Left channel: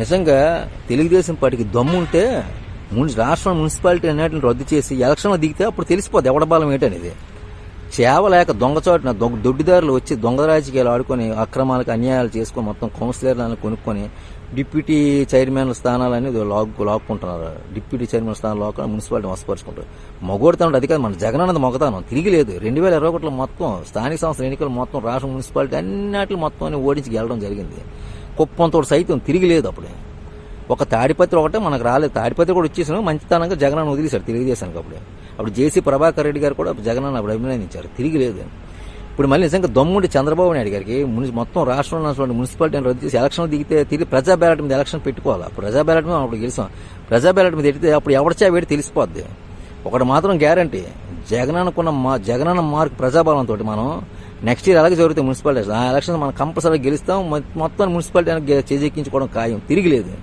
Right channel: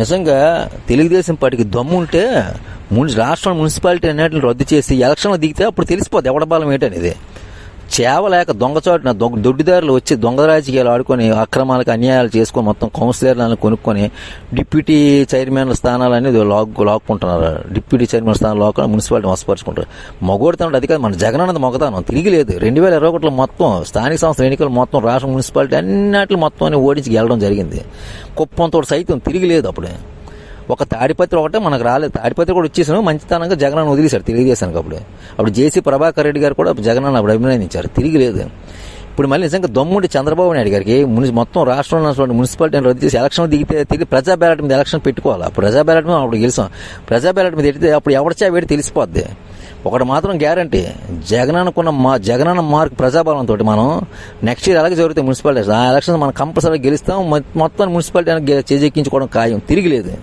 నిజంగా తెలుగుదేశం పార్టీకి దమ్ము ఉంటే రాష్ట్రం మున్సిపాలిటీ అన్నిటిని రద్దు చేసి ఎలక్షన్లో దిగితే అప్పుడు తెలిసిపోద్ది ఎవడ బలం ఏంటనేది. చేవలేక దొంగచాటున దొడ్డిదారులు వచ్చి దొంగ రాజకీయాలు ఆడుకొని అక్రమాలకు అన్యాయాలు చేసుకొని మొత్తం కౌన్సిలర్లను కొనుక్కొని డిప్యూటీ చైర్మన్ స్థానాలు అనేది లాక్కుంటున్నారు. డిప్యూటీ చైర్మన్ స్థానాలు లాక్కొని మున్సిపాలిటీ వసపరుచుకుంటారు. మగోడుతాను అది కాదు, మన జగన్ అన్నది మొగతాను తిరిగిలేదు. 2021 మొత్తం స్థానిక సంస్థల ఎన్నికలు మొత్తం రాష్ట్ర మున్సిపాలిటీ అన్నింటిలో మొత్తం ఓడించి గెలడం జరిగింది. కుప్పంతో సైతం తిరిగిలేదు. అప్పుడే ఒక తాడిపత్రి ఒకటే మనకు రాలేదు. తాడిపత్రి కూడా వచ్చేసాను మంచితనంగా జగన్ వదిలేశారు తెలుగుదేశానికి. అప్పుడు జేసీ ప్రభాకర్ రెడ్డి గారు కూడా జగన్ అప్పుడు అభినందించారు. తిరిగి లేదు. ఇప్పుడు మళ్ళీ నిజంగా దమ్ముండి చంద్రబాబు నాయుడు గారికి మొత్తం రాష్ట్రంలో మున్సిపాలిటీని రద్దు చేసి ఎలక్షన్ దిగితే తిరిగి ప్రజా బ్యాలెట్ మీద ఎలక్షన్ పెట్టుకోవాలి. అప్పుడు ప్రజా బ్యాలెట్ మీద అప్పుడు గెలిచాం. ప్రజా బ్యాలెట్ మీద ఎడితే అప్పుడు ఎవరిచా వేడి తెలిసిపోద్ది. ఒకటి మాత్రం గ్యారంటీ, జగనన్న మార్క్ ప్రజాబలంతో మనం నెక్స్ట్ ఇయర్ అలాగే జరుగుతాయి మున్సిపాలిటీస్. ఆ ఎలక్షన్ మనం కంపల్సరీ గెలుస్తాం. మొత్తం మున్సిపాలిటీ చేజెక్కించుకోవడం ఖాయం. తిరిగి లేదు.